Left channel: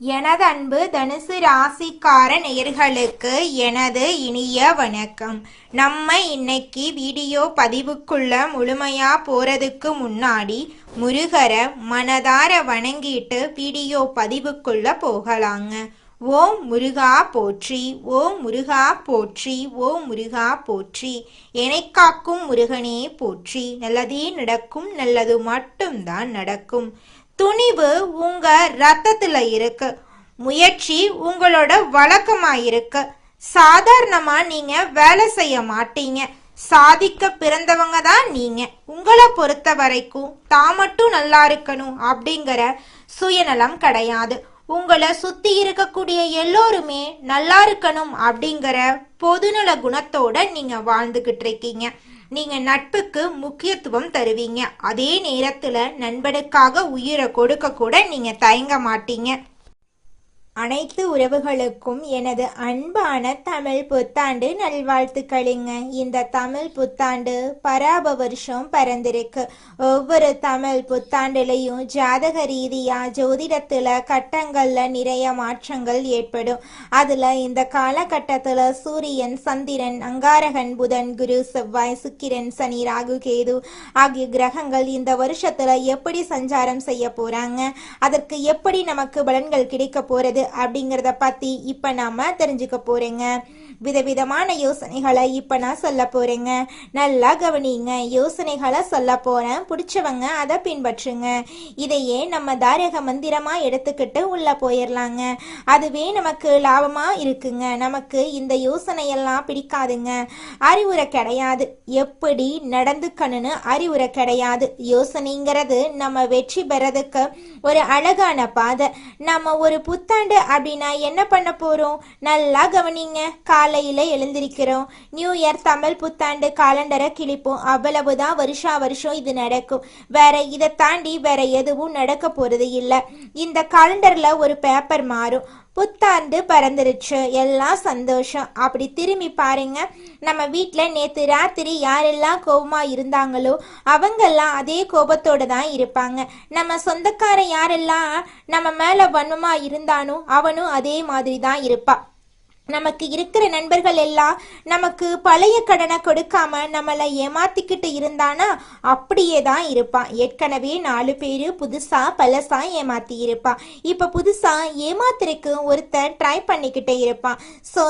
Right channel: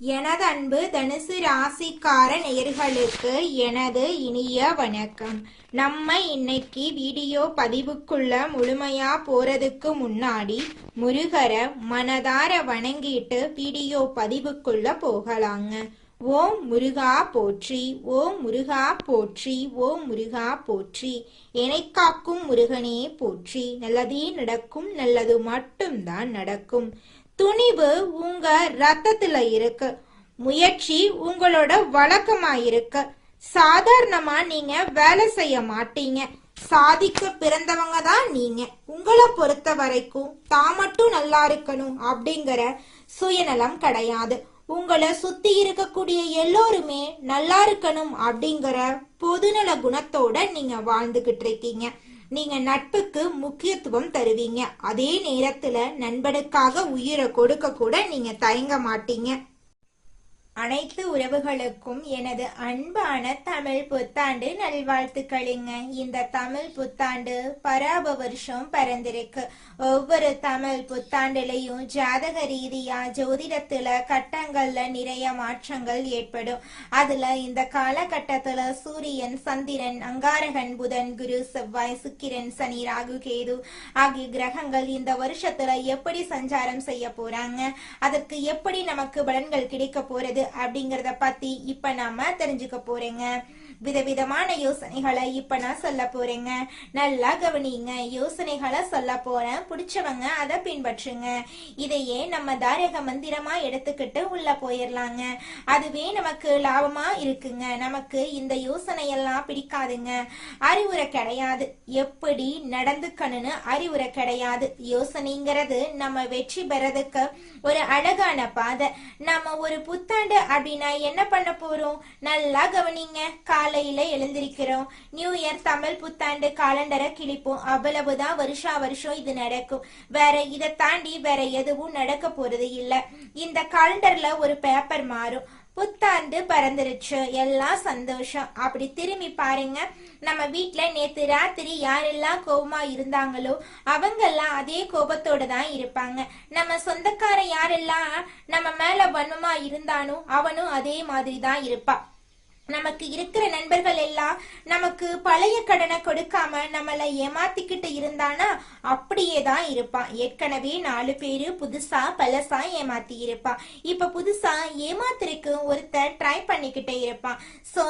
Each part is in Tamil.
எனது அன்பு தனுசு ராசிக்கார நேயர்களுக்கு எனது இனிய வணக்கம். நம்ம இன்னைக்கு வீடியோ பதிவுக்குள்ள முழுமையா போறதுக்கு முன்னாடி முருகரை மனதார வணங்கிட்டு வீடியோ பதிவுக்குள்ள போகலாங்க. ஓம் முருகா போற்றி, ஓம் முருகா போற்றி, ஓம் முருகா போற்றி. என்னை காக்கும் முருகனே போற்றி. நல்லதே நடக்கும், நல்லது மட்டும்தான் நடக்கும். துணிவு உங்க ரத்தத்துல இருக்கு. முயற்சி உங்களோட வழக்கமா இருக்கு. சாதாரணமா நீங்க வேலை செய்ய மாட்டீங்க. சாதிக்க பிறந்தவங்க தான் நீங்க. உங்களை பொறுத்த வரைக்கும் தான் மட்டும் நல்லா இருக்கணும் அப்படிங்கிற சுயநலம் கிடையாது. உங்களை சுத்தி இருக்கக்கூடிய எல்லோருமே நல்லா இருக்கணும் அப்படிங்கிற பொதுநல குணத்தோட நீங்க வாழ்ந்துகிட்டு இருக்கீங்க. நீங்க நட்புக்கு முக்கியத்துவம் தருவீங்க. அதே நேரத்துல நண்பனுக்காக உயிரை கொடுக்க கூட நீங்க தயங்க மாட்டீங்க. அனைத்து உறவுகளுக்கும் எனது அன்பான தமிழ் புத்தாண்டு நல்வாழ்த்துக்களுங்க. இந்த தமிழ் புத்தாண்டு பராப வருஷம் பிறந்திருக்கு. ஒவ்வொரு தமிழ் புத்தாண்டுலையும் ஜாதக ரீதியா ஜோதிடத்துல கட்டங்கள்ல நிறைய மாற்றங்கள் ஏற்படும். அதுல இந்த காலகட்டத்துல சூரியன், சந்திரன், அங்காரகன், புதன், குரு, செவ்வாய், சுக்கிரன், சனி, ராகு, கேது ஆகிய கிரகங்கள் இந்த வருஷத்துல எப்படி சஞ்சாரம் செய்ய போறாங்க, அதற்கு எப்படி நமக்கு பலன்கள் கிடைக்க போறது அப்படிங்கறத பத்தி இப்ப நாம தெரிஞ்சுக்க போறேங்க. விதவிதமான யோசனைகளை இப்ப நான் சொல்ல போறேங்க. நல்லா கவனிங்க. யோசனைகளை சொல்ல போறேன், பிடிச்சவங்க அதை பின்பற்றுங்க. இதையே நம்ம தாரக மந்திரமா எடுத்துக்கிட்டு உள்ள போயிடலாங்க. அதுவே நமக்கு லாபமா இருக்குங்க. நமக்கு இந்த யோசனையெல்லாம் பிடிக்காதுங்க. அறிவுரை கிடையாது. எப்படி நடந்துக்கணும்னு அறிவுரை கிடையாது. யோசனைங்கிறது நம்ம வெற்றி பெறதுக்கு ஒரு அழகான பாதை. நம்ம ஒரு புத்தாண்டு அப்படின்னா என்ன பண்ண போறோம்? நல்லா கவனிங்க. காலையில எழுந்திருக்கிறோம். நியூ இயர் தமிழ் புத்தாண்டு காலண்டரை கிழிப்போம். அவ்வளவுதான். வருஷம் இது நடக்கும். வேற இதை தாண்டி வேற எதுவும் நடக்க போறது இல்லை. இந்த காலண்டர்ல ஒரு பேப்பர் மாறும். புத்தாண்டு பறந்துருச்சு, எல்லாம் சந்தோஷம். அப்படி திரும்பி பாருங்க. நம்ம வீட்டுல நேத்து ராத்திரி யாரெல்லாம் கோபமா இருந்தாங்களோ அவங்கெல்லாம் அதே கோபத்தோட தான் இருப்பாங்க. நம்ம சொந்தக்கார யாரெல்லாம் நம்ம மேல வன்மமா இருந்தானோ அவனும் அதே மாதிரி தான் இருப்பான். நமக்கு இருக்கிற நண்பர்கள் எல்லாம் நமக்கு பழைய கடனை கொடுக்காம நம்மளை ஏமாத்திக்கிட்டு இருந்தானா அப்படியே தான் இருப்பான். ஏற்கனவே 4 பேரு புதுசா பழசா ஏமாத்தி இருப்பான். இப்ப புதுசா ஏமாத்துறதுக்கு ஒருத்தர் ட்ரை பண்ணிக்கிட்டே இருப்பான். ஸோ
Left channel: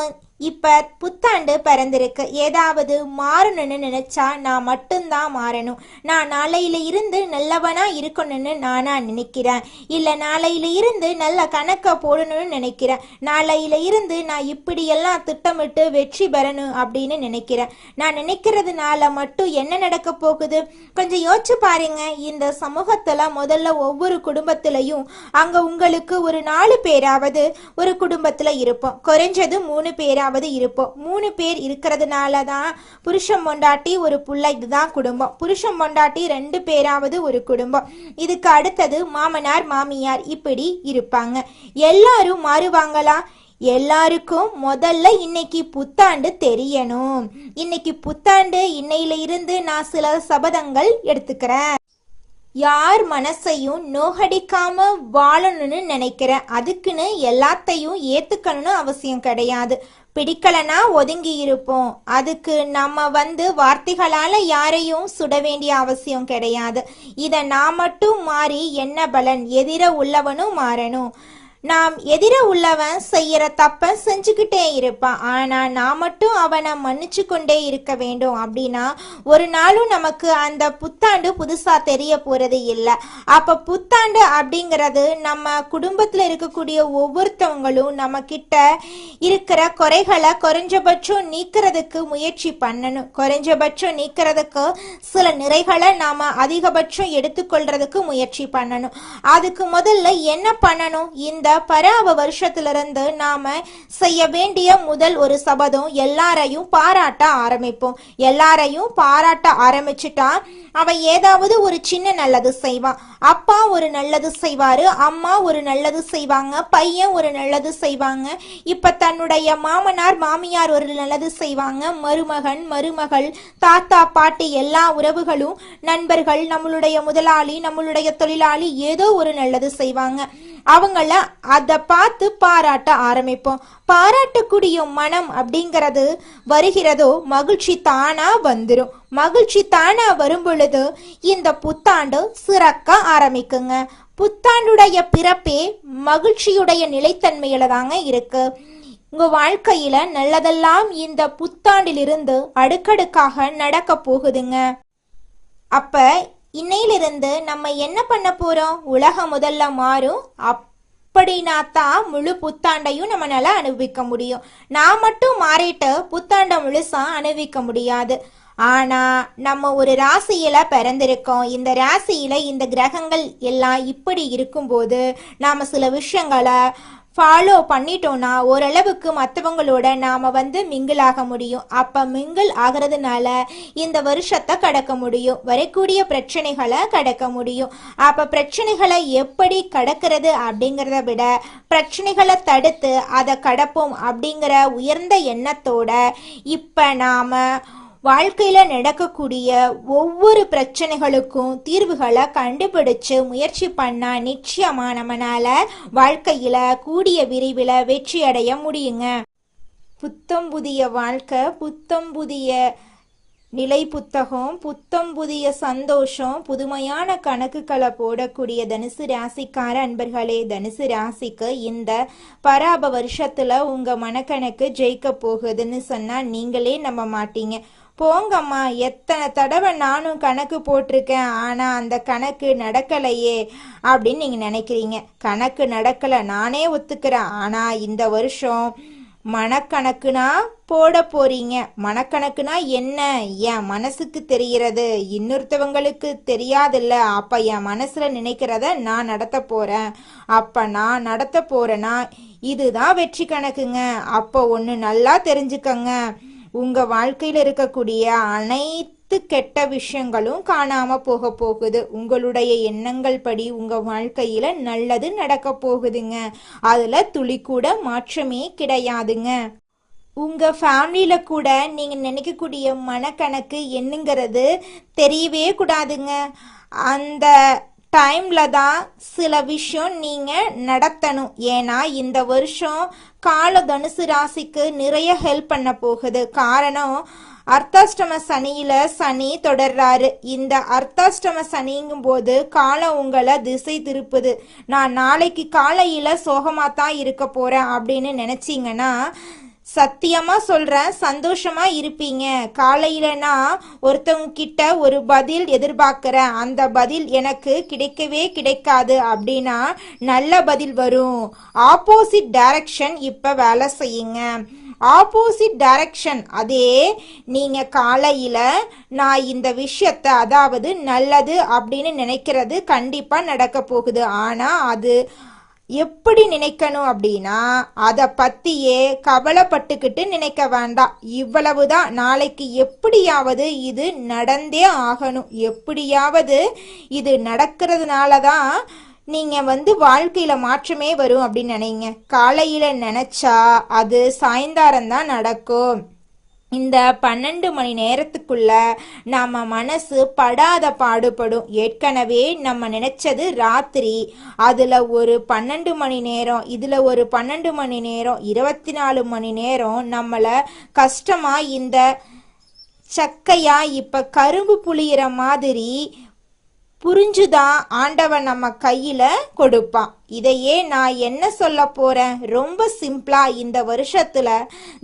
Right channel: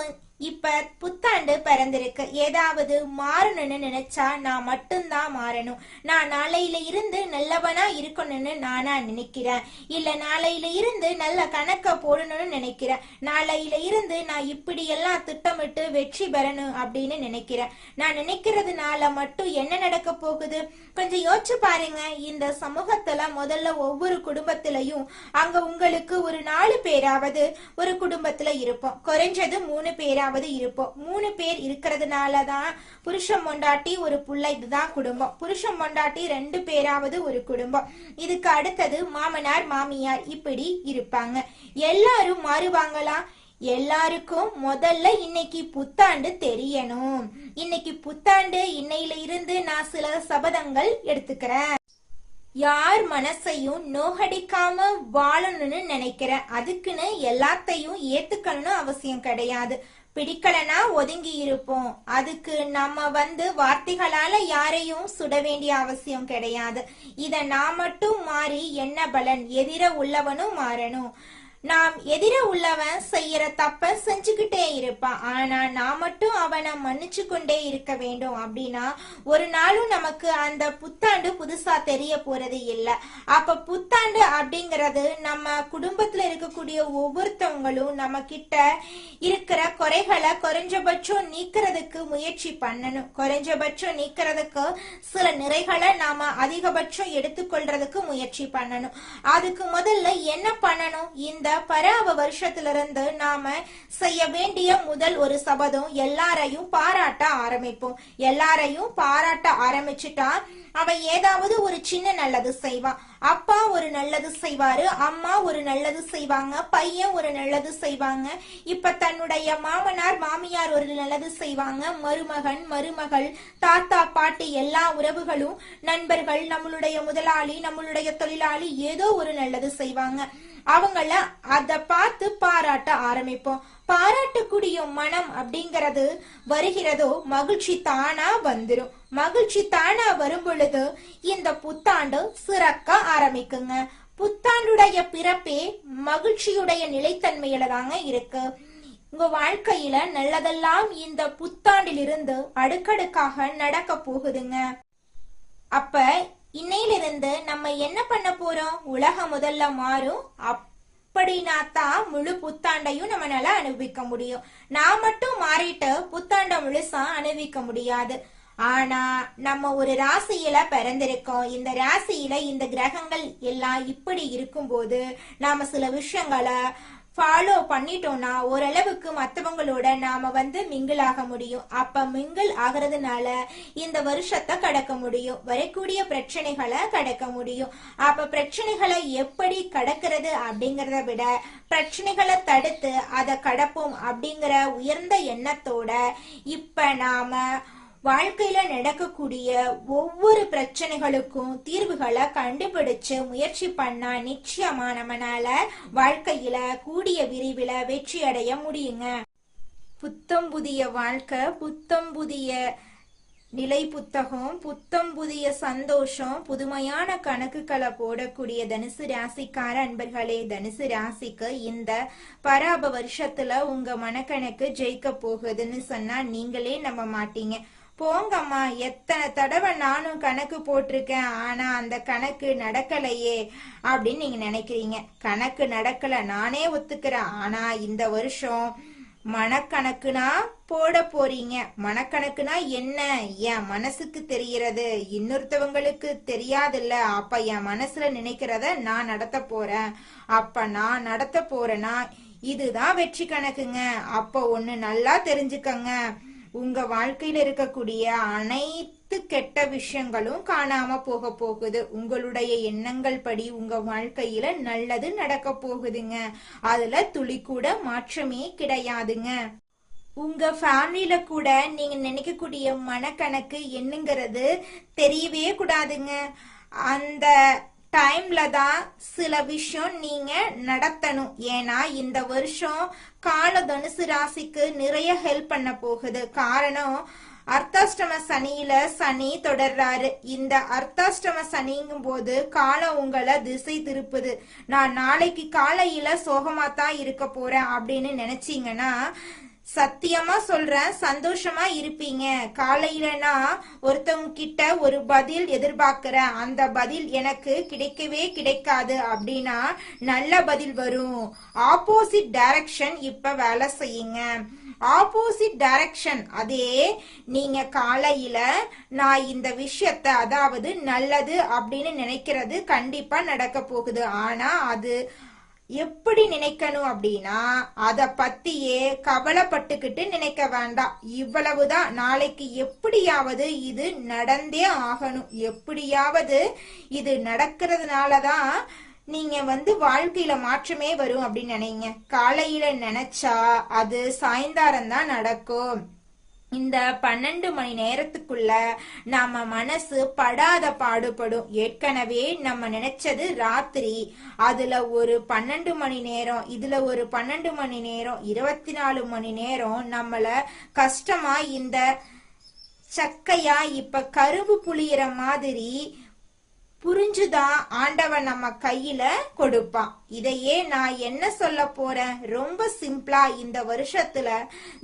இப்ப புத்தாண்டு பிறந்திருக்கு. ஏதாவது மாறணும்னு நினைச்சா நான் மட்டும்தான் மாறணும். நான் நாளையில இருந்து நல்லவனா இருக்கணும்னு நானா நினைக்கிறேன். இல்ல நாளையில இருந்து நல்ல கணக்க போடணும்னு நினைக்கிறேன். நாளையில இருந்து நான் இப்படியெல்லாம் திட்டமிட்டு வெற்றி பெறணும் அப்படின்னு நினைக்கிறேன். நான் நினைக்கிறதுனால மட்டும் என்ன நடக்க போகுது? கொஞ்சம் யோசிச்சு பாருங்க. இந்த சமூகத்துல முதல்ல ஒவ்வொரு குடும்பத்திலையும் அங்க உங்களுக்கு ஒரு 4 பேராவது ஒரு குடும்பத்துல இருப்போம். குறைஞ்சது 3 பேராவது இருப்போம். 3 பேர் இருக்கிறதுனாலதான் புருஷன் பொண்டாட்டி ஒரு புள்ள, இதுதான் குடும்பம். புருஷன் பொண்டாட்டி 2 பேராவது ஒரு குடும்பம். இதுக்கு அடுத்தது மாமனார் மாமியார் இப்படி இருப்பாங்க. எல்லாரும் மாறுவாங்களா? எல்லாருக்கும் முதல்ல இன்னைக்கு புத்தாண்டு தெரியணும். இன்னைக்கு புத்தாண்டு. இன்னையில இருந்து நான் சில சபதங்கள் எடுத்துக்கிறேன். யார் மனசையும் நோகடிக்காம வாழணும்னு நினைக்கிறேன். அதுக்குன்னு எல்லாத்தையும் ஏத்துக்கணும்னு அவசியம் கிடையாது. பிடிக்கலனா ஒதுங்கி இருப்போம். அதுக்கு நம்ம வார்த்தைகளால யாரையும் சுட வேண்டிய அவசியம் கிடையாது. இத நான் மட்டும் மாறி என்ன பலன்? எதிர உள்ளவனும் மாறணும். நாம் எதிர உள்ளவன் செய்யற தப்ப செஞ்சுக்கிட்டே இருப்பான். ஆனா நான் மட்டும் அவனை மன்னிச்சு கொண்டே இருக்க வேண்டும். அப்படின்னா ஒரு நாளும் நமக்கு அந்த புத்தாண்டு புதுசா தெரிய போறது இல்லை. அப்ப புத்தாண்டு அப்படிங்கிறது நம்ம குடும்பத்துல இருக்கக்கூடிய ஒவ்வொருத்தவங்களும் நம்ம கிட்ட இருக்கிற குறைகளை குறைஞ்சபட்சம் நீக்கிறதுக்கு முயற்சி பண்ணணும். குறைஞ்சபட்சம் நீக்கிறதுக்கு சில நிறைகளை நாம அதிகபட்சம் எடுத்துக்கொள்றதுக்கு முயற்சி பண்ணணும். அதுக்கு முதல்ல என்ன பண்ணணும்? இந்த பராப வருஷத்திலிருந்து நாம செய்ய வேண்டிய முதல் ஒரு சபதம், எல்லாரையும் பாராட்ட ஆரம்பிப்போம். எல்லாரையும் பாராட்ட ஆரம்பிச்சுட்டா அவன் ஏதாவது ஒரு சின்ன நல்லது செய்வான். அப்பா ஒரு நல்லது செய்வாரு, அம்மா ஒரு நல்லது செய்வாங்க, பையன் ஒரு நல்லது செய்வாங்க. இப்ப தன்னுடைய மாமனார் மாமியார் ஒரு நல்லது செய்வாங்க, மருமகன் மருமகள் தாத்தா பாட்டி எல்லா உறவுகளும் நண்பர்கள் நம்மளுடைய முதலாளி நம்மளுடைய தொழிலாளி ஏதோ ஒரு நல்லது செய்வாங்க. அவங்கள அதை பார்த்து பாராட்ட ஆரம்பிப்போம். பாராட்டக்கூடிய மனம் அப்படிங்கிறது வருகிறதோ மகிழ்ச்சி தானா வந்துடும். மகிழ்ச்சி தானா வரும் பொழுது இந்த புத்தாண்டு சிறக்க ஆரம்பிக்குங்க. புத்தாண்டுடைய பிறப்பே மகிழ்ச்சியுடைய நிலைத்தன்மையில தாங்க இருக்கு. உங்க வாழ்க்கையில நல்லதெல்லாம் இந்த புத்தாண்டிலிருந்து அடுக்கடுக்காக நடக்க போகுதுங்க. அப்ப இன்னையிலிருந்து நம்ம என்ன பண்ண போறோம்? உலகம் முதல்ல மாறும். அப்படின்னா தான் முழு புத்தாண்டையும் நம்மளால அனுபவிக்க முடியும். நான் மட்டும் மாறிட்டு புத்தாண்டை முழுசா அனுபவிக்க முடியாது. ஆனா நம்ம ஒரு ராசியில பிறந்திருக்கோம். இந்த ராசியில இந்த கிரகங்கள் எல்லாம் இப்படி இருக்கும்போது நாம சில விஷயங்களை ஃபாலோ பண்ணிட்டோம்னா ஓரளவுக்கு மற்றவங்களோட நாம மிங்கிள் ஆக முடியும். அப்ப மிங்கிள் ஆகிறதுனால இந்த வருஷத்தை கடக்க முடியும், வரக்கூடிய பிரச்சனைகளை கடக்க முடியும். அப்ப பிரச்சனைகளை எப்படி கடக்கிறது அப்படிங்கிறத விட பிரச்சனைகளை தடுத்து அதை கடப்போம் அப்படிங்கிற உயர்ந்த எண்ணத்தோட இப்ப நாம வாழ்க்கையில நடக்கக்கூடிய ஒவ்வொரு பிரச்சனைகளுக்கும் தீர்வுகளை கண்டுபிடிச்சு முயற்சி பண்ணா நிச்சயமா நம்மளால வாழ்க்கையில கூடிய விரைவில் வெற்றி அடைய முடியுங்க. புத்தம் புதிய வாழ்க்கை, புத்தம் புதிய நிலை புத்தகம், புத்தம் புதிய சந்தோஷம், புதுமையான கணக்குகளை போடக்கூடிய தனுசு ராசிக்கார அன்பர்களே, தனுசு ராசிக்கு இந்த பராப வருஷத்துல உங்க மனக்கணக்கு ஜெயிக்க போகுதுன்னு சொன்னா நீங்களே நம்ப மாட்டீங்க. போங்கம்மா, எத்தனை தடவை நானும் கணக்கு போட்டிருக்கேன், ஆனா அந்த கணக்கு நடக்கலையே அப்படின்னு நீங்க நினைக்கிறீங்க. கணக்கு நடக்கல, நானே ஒத்துக்கிறேன். ஆனா இந்த வருஷம் மனக்கணக்குனா போட போறீங்க. மனக்கணக்குனா என்ன? என் மனசுக்கு தெரிகிறது, இன்னொருத்தவங்களுக்கு தெரியாதுல்ல. அப்ப என் மனசுல நினைக்கிறத நான் நடத்த போறேன். அப்ப நான் நடத்த போறேன்னா இதுதான் வெற்றி கணக்குங்க. அப்ப ஒண்ணு நல்லா தெரிஞ்சுக்கங்க, உங்க வாழ்க்கையில இருக்கக்கூடிய அனைத்து கெட்ட விஷயங்களும் காணாம போக போகுது. உங்களுடைய எண்ணங்கள் படி உங்க வாழ்க்கையில நல்லது நடக்க போகுதுங்க. அதுல துளி கூட மாற்றமே கிடையாதுங்க. உங்க ஃபேமிலியில கூட நீங்க நினைக்கக்கூடிய மனக்கணக்கு என்னங்கிறது தெரியவே கூடாதுங்க. அந்த டைம்ல தான் சில விஷயம் நீங்க நடத்தணும். ஏன்னா இந்த வருஷம் கால தனுசு ராசிக்கு நிறைய ஹெல்ப் பண்ண போகுது. காரணம், அர்த்தாஷ்டம சனியில சனி தொடர்றாரு. இந்த அர்த்தாஷ்டம சனிங்கும் போது காலம் உங்களை திசை திருப்புது. நான் நாளைக்கு காலையில சோகமா தான் இருக்க போறேன் அப்படின்னு நினைச்சீங்கன்னா சத்தியமா சொல்றேன், சந்தோஷமா இருப்பீங்க. காலையில நான் ஒருத்தவங்க கிட்ட ஒரு பதில் எதிர்பார்க்கிறேன், அந்த பதில் எனக்கு கிடைக்கவே கிடைக்காது அப்படின்னா நல்ல பதில் வரும். ஆப்போசிட் டைரக்ஷன் இப்ப வேலை செய்யுங்க. ஆப்போசிட் டைரக்ஷன், அதே நீங்க காலையில நான் இந்த விஷயத்த, அதாவது நல்லது அப்படின்னு நினைக்கிறது கண்டிப்பா நடக்க போகுது. ஆனா அது எப்படி நினைக்கணும் அப்படின்னா அதை பத்தியே கவலைப்பட்டுக்கிட்டு நினைக்க வேண்டாம். இவ்வளவுதான். நாளைக்கு எப்படியாவது இது நடந்தே ஆகணும், எப்படியாவது இது நடக்கிறதுனாலதான் நீங்க வாழ்க்கையில மாற்றமே வரும் அப்படின்னு நினைங்க. காலையில நினைச்சா அது சாயந்தாரம் தான் நடக்கும். இந்த 12 மணி நேரத்துக்குள்ள நம்ம மனசு படாத பாடுபடும். ஏற்கனவே நம்ம நினைச்சது ராத்திரி, அதுல ஒரு 12 மணி நேரம், இதுல ஒரு 12 மணி நேரம், 24 மணி நேரம் நம்மள கஷ்டமா இந்த சக்கையா இப்ப கரும்பு புளியிற மாதிரி புரிஞ்சுதான் ஆண்டவன் நம்ம கையில கொடுப்பான். இதையே நான் என்ன சொல்ல போறேன், ரொம்ப சிம்பிளா இந்த வருஷத்துல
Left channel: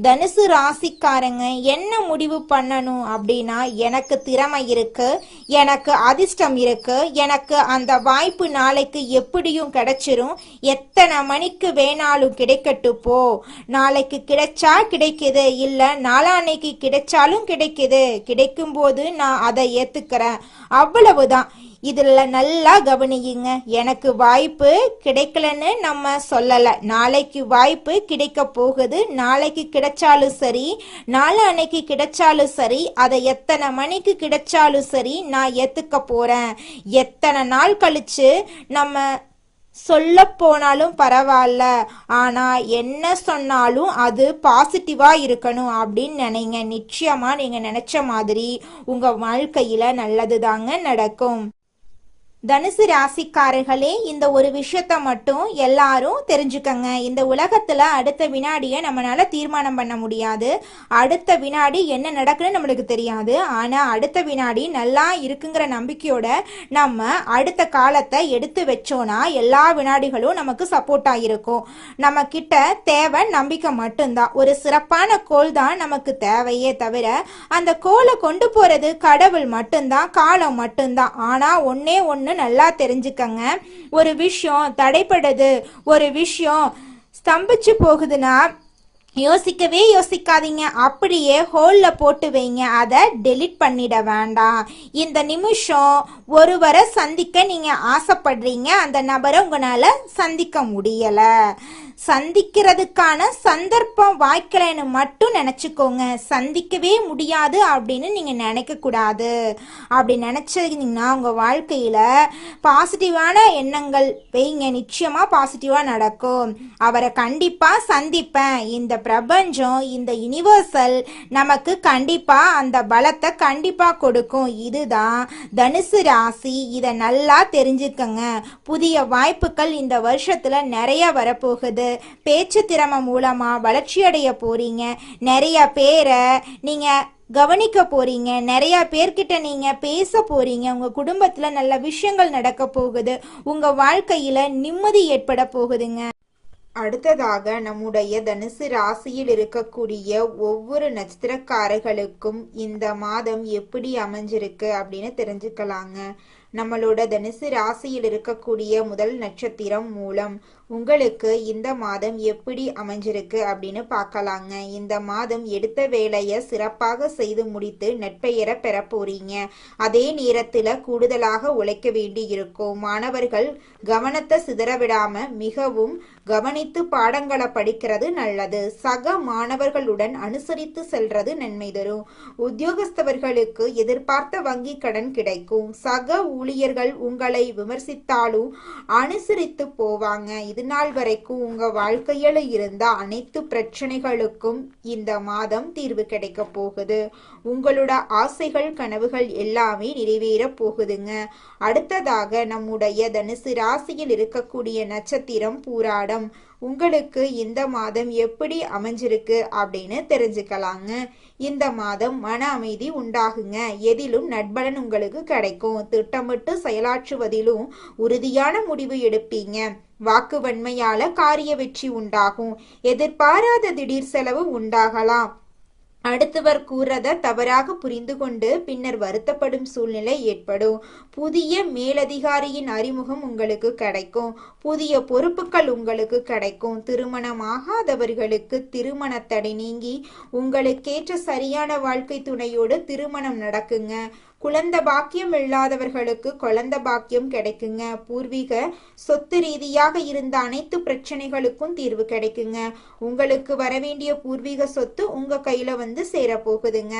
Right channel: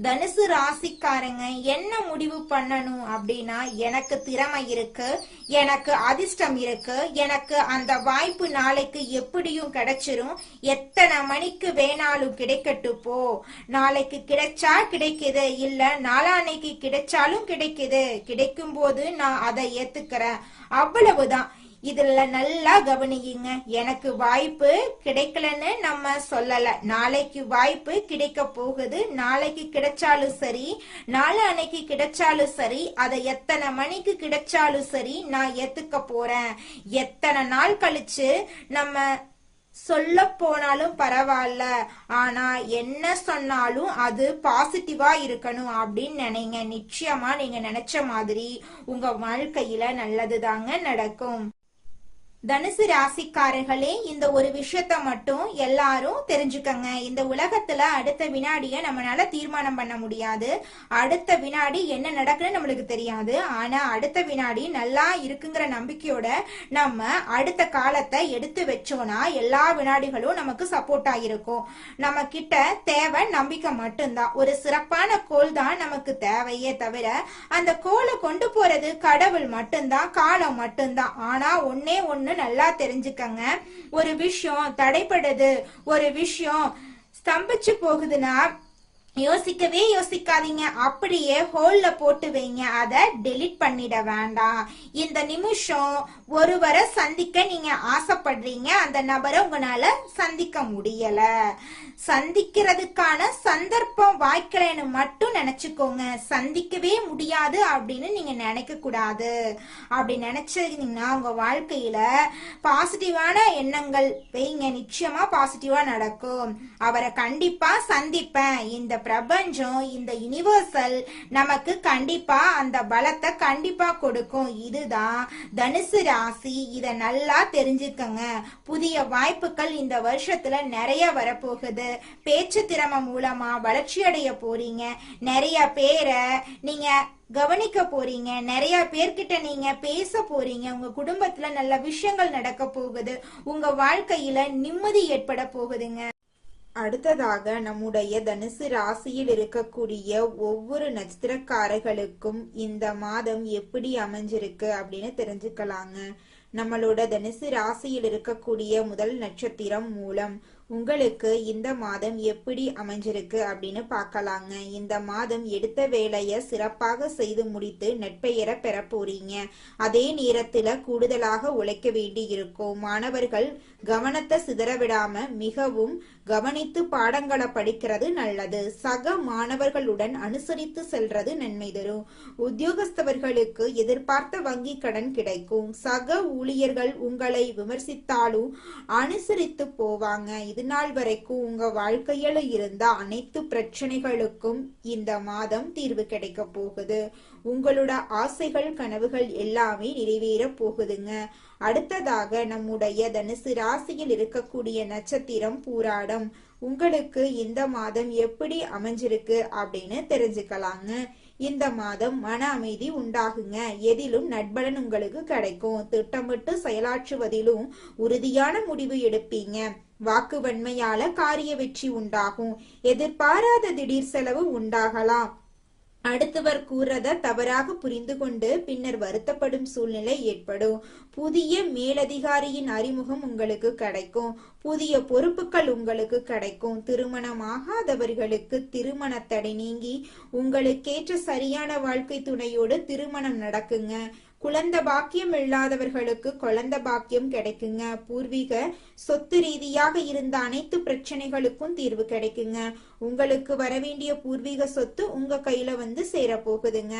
தனுசு ராசிக்காரங்க என்ன முடிவு பண்ணணும் அப்படின்னா, எனக்கு திறமை இருக்கு, எனக்கு அதிர்ஷ்டம் இருக்கு, எனக்கு அந்த வாய்ப்பு நாளைக்கு எப்படியும் கிடைச்சிரும், எத்தனை மணிக்கு வேணாலும் கிடைக்கட்டு போ, நாளைக்கு கிடைச்சா கிடைக்குது, இல்ல நாளான்னைக்கு கிடைச்சாலும் கிடைக்குது, கிடைக்கும் போது நான் அதை ஏத்துக்கிறேன், அவ்வளவுதான். இதுல நல்லா கவனியுங்க. எனக்கு வாய்ப்பு கிடைக்கலன்னு நம்ம சொல்லல. நாளைக்கு வாய்ப்பு கிடைக்க போகுது. நாளைக்கு கிடைச்சாலும் சரி, நாளான்னைக்கு கிடைச்சாலும் சரி, அதை எத்தனை மணிக்கு கிடைச்சாலும் சரி நான் ஏத்துக்க போறேன். எத்தனை நாள் கழிச்சு நம்ம சொல்ல போனாலும் பரவாயில்ல, ஆனா என்ன சொன்னாலும் அது பாசிட்டிவா இருக்கணும் அப்படின்னு நினைங்க. நிச்சயமா நீங்க நினைச்ச மாதிரி உங்க வாழ்க்கையில நல்லது தாங்க நடக்கும். தனுசு ராசிக்காரர்களே, இந்த ஒரு விஷயத்த மட்டும் எல்லாரும் தெரிஞ்சுக்கங்க. இந்த உலகத்துல அடுத்த வினாடிய நம்மளால தீர்மானம் பண்ண முடியாது. அடுத்த வினாடி என்ன நடக்குன்னு நம்மளுக்கு தெரியாது. ஆனா அடுத்த வினாடி நல்லா இருக்குங்கிற நம்பிக்கையோட நம்ம அடுத்த காலத்தை எடுத்து வச்சோம்னா எல்லா வினாடிகளும் நமக்கு சப்போர்ட்டா இருக்கும். நம்ம கிட்ட தேவை நம்பிக்கை மட்டும்தான். ஒரு சிறப்பான கோல் தான் நமக்கு தேவையே தவிர அந்த கோலை கொண்டு போறது கடவுள் மட்டும்தான், காலம் மட்டும்தான். ஆனா ஒன்னே ஒண்ணு நல்லா தெரிஞ்சுக்கங்க. ஒரு விஷயம் தடைப்படுது, ஒரு விஷயம் ஸ்தம்பிச்சு போகுதுன்னா யோசிக்கவே யோசிக்காதீங்க. அப்படியே ஹோல்ல போட்டு வைங்க. அதை டெலிட் பண்ணிட வேண்டாம். இந்த நிமிஷம் ஒருவரை சந்திக்க நீங்க ஆசைப்படுறீங்க, அந்த நபரை உங்களால சந்திக்க முடியல. சந்திக்கிறதுக்கான சந்தர்ப்பம் வாய்க்கலைன்னு மட்டும் நினைச்சுக்கோங்க. சந்திக்கவே முடியாது அப்படின்னு நீங்க நினைக்க கூடாது. அப்படி நினைச்சீங்கன்னா உங்க வாழ்க்கையில பாசிட்டிவான எண்ணங்கள் வைங்க. நிச்சயமா பாசிட்டிவா நடக்கும். அவரை கண்டிப்பா சந்திப்பேன். இந்த பிரபஞ்சம், இந்த யுனிவர்சல் நமக்கு கண்டிப்பா அந்த பலத்தை கண்டிப்பா கொடுக்கும். இதுதான் தனுசு ராசி. இதை நல்லா தெரிஞ்சுக்கங்க. புதிய வாய்ப்புகள் இந்த வருஷத்துல நிறைய வரப்போகுது. பேச்சு திறமை மூலமா வளர்ச்சி அடைய போறீங்க. நிறைய பேரை நீங்க கவனிக்க போறீங்க. நிறைய பேர்கிட்ட நீங்க பேச போறீங்க. உங்க குடும்பத்துல நல்ல விஷயங்கள் நடக்க போகுது. உங்க வாழ்க்கையில நிம்மதி ஏற்பட போகுதுங்க. அடுத்ததாக நம்முடைய தனுசு ராசியில் இருக்கக்கூடிய ஒவ்வொரு நட்சத்திரக்காரர்களுக்கும் இந்த மாதம் எப்படி அமைஞ்சிருக்கு அப்படின்னு தெரிஞ்சுக்கலாங்க. நம்மளோட தனுசு ராசியில் இருக்கக்கூடிய முதல் நட்சத்திரம் மூலம் உங்களுக்கு இந்த மாதம் எப்படி அமைஞ்சிருக்கு அப்படின்னு பார்க்கலாங்க. இந்த மாதம் எடுத்த வேலையை சிறப்பாக செய்து முடித்து நட்பெயரை பெற போறீங்க. அதே நேரத்துல கூடுதலாக உழைக்க வேண்டி இருக்கும். மாணவர்கள் கவனத்தை சிதறவிடாம மிகவும் கவனித்து பாடங்களை படிக்கிறது நல்லது. சக மாணவர்களுடன் அனுசரித்து செல்றது நன்மை தரும். உத்தியோகஸ்தவர்களுக்கு எதிர்பார்த்த வங்கி கடன் கிடைக்கும். சக ஊழியர்கள் உங்களை விமர்சித்தாலும் அனுசரித்து போவாங்க. இது நாள் வரைக்கும் உங்க வாழ்க்கையில இருந்த அனைத்து பிரச்சனைகளுக்கும் இந்த மாதம் தீர்வு கிடைக்க போகுது. உங்களோட ஆசைகள் கனவுகள் எல்லாமே நிறைவேற போகுதுங்க. அடுத்ததாக நம்முடைய தனுசு ராசியில் இருக்கக்கூடிய நட்சத்திரம் பூராடம். உங்களுக்கு இந்த மாதம் எப்படி அமைஞ்சிருக்கு அப்படின்னு தெரிஞ்சுக்கலாங்க. இந்த மாதம் மன அமைதி உண்டாகுங்க. எதிலும் நட்பலன் உங்களுக்கு கிடைக்கும். திட்டமிட்டு செயலாற்றுவதிலும் உறுதியான முடிவு எடுப்பீங்க. வாக்கு வன்மையால காரிய வெற்றி உண்டாகும். எதிர்பாராத திடீர் செலவு உண்டாகலாம். அடுத்தவர் கூறத தவறாக புரிந்து கொண்டு பின்னர் வருத்தப்படும் சூழ்நிலை ஏற்படும். புதிய மேலதிகாரியின் அறிமுகம் உங்களுக்கு கிடைக்கும். புதிய பொறுப்புகள் உங்களுக்கு கிடைக்கும். திருமணமாகாதவர்களுக்கு திருமண தடை நீங்கி உங்களுக்கேற்ற சரியான வாழ்க்கை துணையோடு திருமணம் நடக்குங்க. குழந்தை பாக்கியம் இல்லாதவர்களுக்கு குழந்தை பாக்கியம் கிடைக்குங்க. பூர்வீக சொத்து ரீதியாக இருந்த அனைத்து பிரச்சனைகளுக்கும் தீர்வு கிடைக்குங்க. உங்களுக்கு வரவேண்டிய பூர்வீக சொத்து உங்க கையில வந்து சேர போகுதுங்க.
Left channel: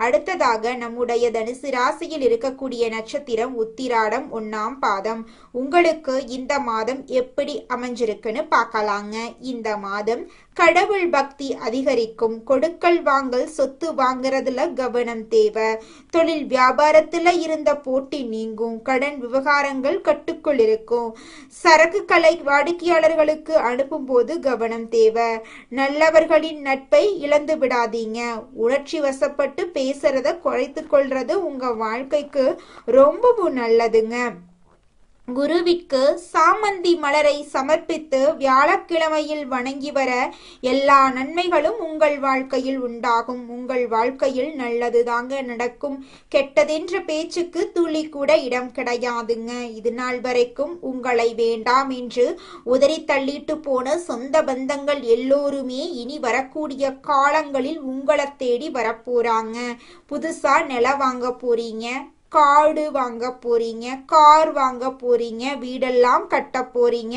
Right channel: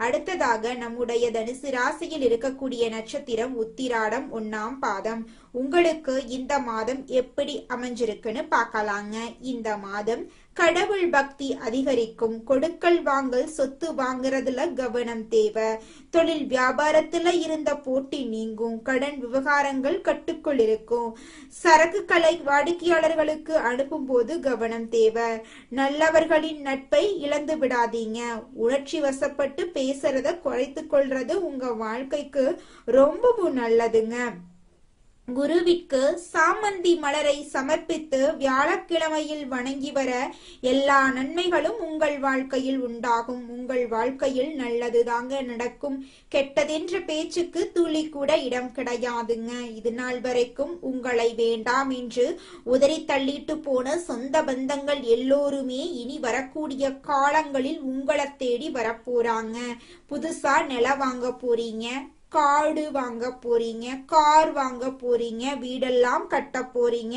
அடுத்ததாக நம்முடைய தனுசு ராசியில் இருக்கக்கூடிய நட்சத்திரம் உத்திராடம் 1ஆம் பாதம். உங்களுக்கு இந்த மாதம் எப்படி அமைஞ்சிருக்குன்னு பார்க்கலாங்க. இந்த மாதம் கடவுள் பக்தி அதிகரிக்கும். கொடுக்கல் வாங்கல் சொத்து வாங்குறதுல கவனம் தேவை. தொழில் வியாபாரத்துல இருந்த போட்டி நீங்கும். கடன் விவகாரங்கள் கட்டுக்குள் இருக்கும். சரக்குகளை வாடிக்கையாளர்களுக்கு அனுப்பும் போது கவனம் தேவை. நல்லவர்களின் நட்பை இழந்து விடாதீங்க. உணர்ச்சி வசப்பட்டு பேசுறத குறைத்து கொள்றது உங்க வாழ்க்கைக்கு ரொம்பவும் நல்லதுங்க. குருவிற்கு சாமந்தி மலரை சமர்ப்பித்து வியாழக்கிழமையில் வணங்கி வர எல்லா நன்மைகளும் உங்கள் வாழ்க்கையில் உண்டாகும். உங்கள் வாழ்க்கையில் நல்லது தாங்க நடக்கும். கெட்டதென்ற பேச்சுக்கு துளி கூட இடம் கிடையாதுங்க. இது நாள் வரைக்கும் உங்களை வேண்டாம் என்று உதறி தள்ளிட்டு போன சொந்த பந்தங்கள் எல்லோருமே இனி வரக்கூடிய காலங்களில் உங்களை தேடி வரப்போறாங்க. புதுசா நிலம் வாங்க போறீங்க. காடு வாங்க போறீங்க, கார் வாங்க போறீங்க, வீடெல்லாம் கட்ட போறீங்க.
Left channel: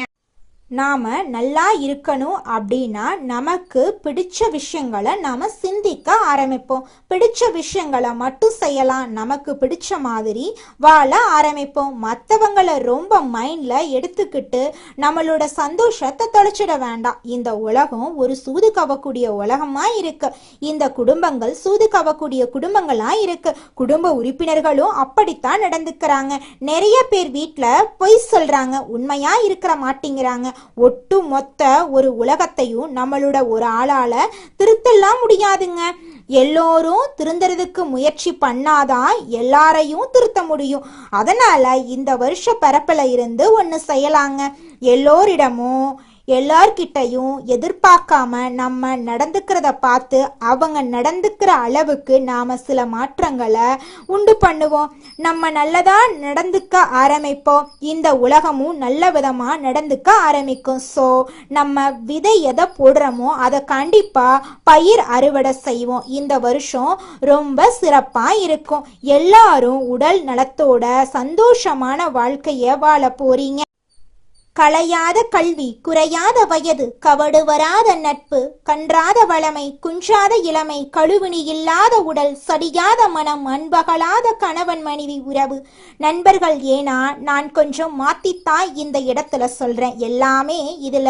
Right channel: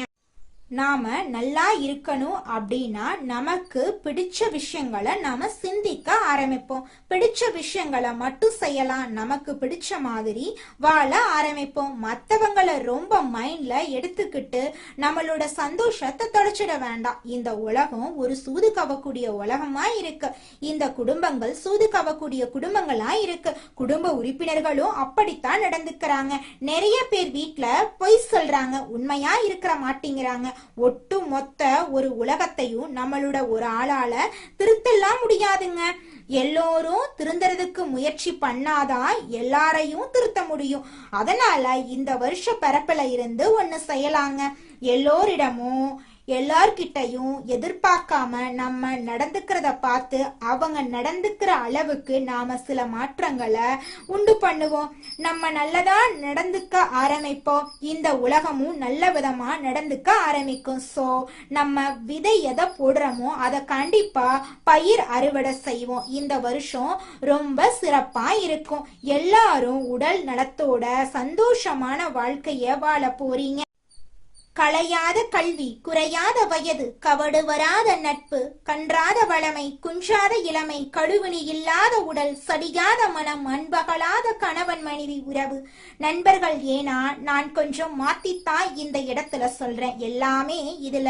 நாம நல்லா இருக்கணும் அப்படின்னா நமக்கு பிடிச்ச விஷயங்களை நாம சிந்திக்க ஆரம்பிப்போம். பிடிச்ச விஷயங்களை மட்டும் செய்யலாம், நமக்கு பிடிச்ச மாதிரி வாழ ஆரம்பிப்போம். மற்றவங்களை ரொம்ப மைண்ட்ல எடுத்துக்கிட்டு நம்மளோட சந்தோஷத்தை தொலைச்சிட வேண்டாம். இந்த உலகம் ஒரு சூது கவக்கூடிய உலகமா இருக்கு. இந்த குடும்பங்கள் சூது கவக்கூடிய குடும்பங்களா இருக்கு. குடும்ப உறுப்பினர்களும் அப்படித்தான் நடந்துக்கிறாங்க. நிறைய பேர் வீட்டுல பொய் சொல்றாங்க, உண்மையா இருக்கிற மாட்டேங்கிறாங்க. ஒட்டு மொத்த ஒரு உலகத்தையும் நம்மளோட ஒரு ஆளால திருத்தலாம் முடியாதுங்க. எல்லோரும் திருந்துறதுக்கு முயற்சி பண்ணாதான் எல்லாரையும் திருத்த முடியும். அதனால இந்த வருஷ பரப்பில இருந்து ஒன்னு செய்யலாங்க. எல்லோரிடமும் எல்லார்கிட்டையும் எதிர்பார்க்காம நம்ம நடந்துக்கிறத பார்த்து அவங்க நடந்துக்கிற அளவுக்கு நாம சில மாற்றங்களை உண்டு பண்ணுவோம். நம்ம நல்லதா நடந்துக்க ஆரம்பிப்போம், இந்த உலகமும் நல்ல விதமா நடந்துக்க ஆரம்பிக்கும். ஸோ நம்ம விதை எதை போடுறோமோ அதை கண்டிப்பா பயிர் அறுவடை செய்வோம். இந்த வருஷம் ரொம்ப சிறப்பா இருக்கும். எல்லாரும் உடல் நலத்தோட சந்தோஷமான வாழ்க்கைய வாழ போறீங்க. களையாத கல்வி, குறையாத வயது, கவடு வராத நட்பு, கன்றாத வளமை, குன்றாத இளமை, கழுவினி இல்லாத உடல், சடியாத மனம், அன்பகலாத கணவன் மனைவி உறவு, நண்பர்கள். ஏன்னா நான் கொஞ்சம் மாத்தித்தான் இந்த இடத்துல சொல்றேன். எல்லாமே இதுல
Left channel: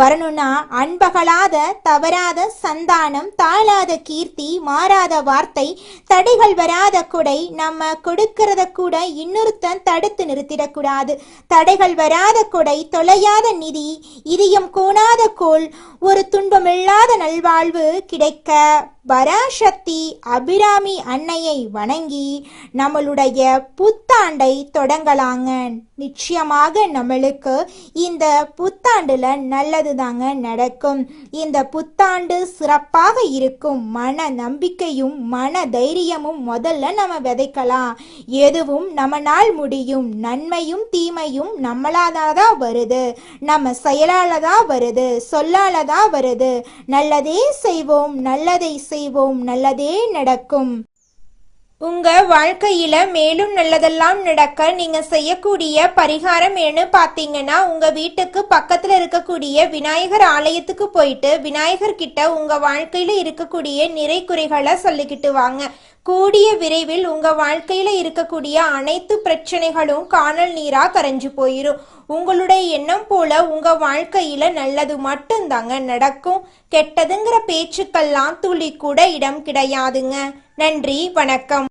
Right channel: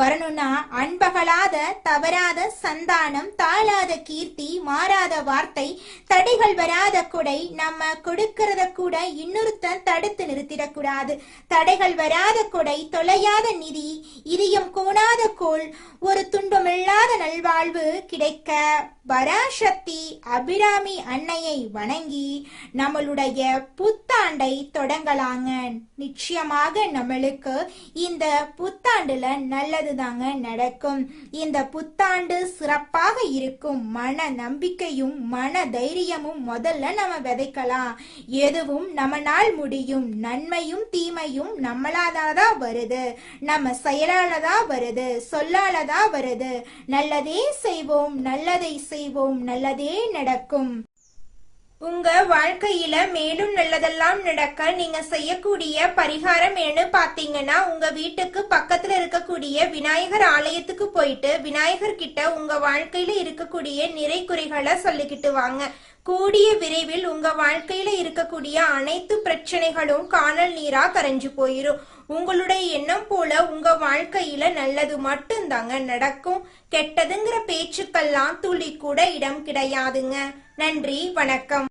வரணும்னா அன்பகலாத, தவறாத சந்தானம், தாழாத கீர்த்தி, மாறாத வார்த்தை, தடைகள் வராத கொடை, நம்ம கொடுக்கறத கூட இன்னொருத்தன் தடுத்து நிறுத்திடக்கூடாது. தடைகள் வராத கொடை, தொலையாத நிதி, இதயம் கோணாத கோல், ஒரு துன்பமில்லாத நல்வாழ்வு கிடைக்க பராசக்தி அபிராமி அன்னையை வணங்கி நம்மளுடைய புத்தாண்டை தொடங்கலாங்க. நிச்சயமாக நம்மளுக்கு இந்த புத்தாண்டுல நல்லது தாங்க நடக்கும். இந்த புத்தாண்டு சிறப்பாக இருக்கும். மன நம்பிக்கையும் மன தைரியமும் முதல்ல நம்ம விதைக்கலாம். எதுவும் நம்மளால் முடியும். நன்மையும் தீமையும் நம்மளாதான் வருது, நம்ம செயலாலதான் வருது, சொல்லாலதான் வருது. நல்லதே செய்வோம், நல்லதை செய்வோம், நல்லதே நடக்கும். உங்க வாழ்க்கையில மேலும் நல்லதெல்லாம் நடக்க நீங்க செய்யக்கூடிய பரிகாரம் என்ன பாத்தீங்கன்னா, உங்க வீட்டுக்கு பக்கத்துல இருக்கக்கூடிய விநாயகர் ஆலயத்துக்கு போயிட்டு விநாயகர் கிட்ட உங்க வாழ்க்கையில இருக்கக்கூடிய நிறை குறைகளை சொல்லிக்கிட்டு வாங்க. கூடிய விரைவில் உங்க வாழ்க்கையில இருக்கக்கூடிய அனைத்து பிரச்சனைகளும் காணல் நீரா கரைஞ்சு போயிரும். உங்களுடைய எண்ணம் போல உங்க வாழ்க்கையில நல்லது மட்டும்தாங்க நடக்கும். கெட்டதுங்கிற பேச்சுக்கெல்லாம் துளி கூட இடம் கிடையாதுங்க. நன்றி, வணக்கம்.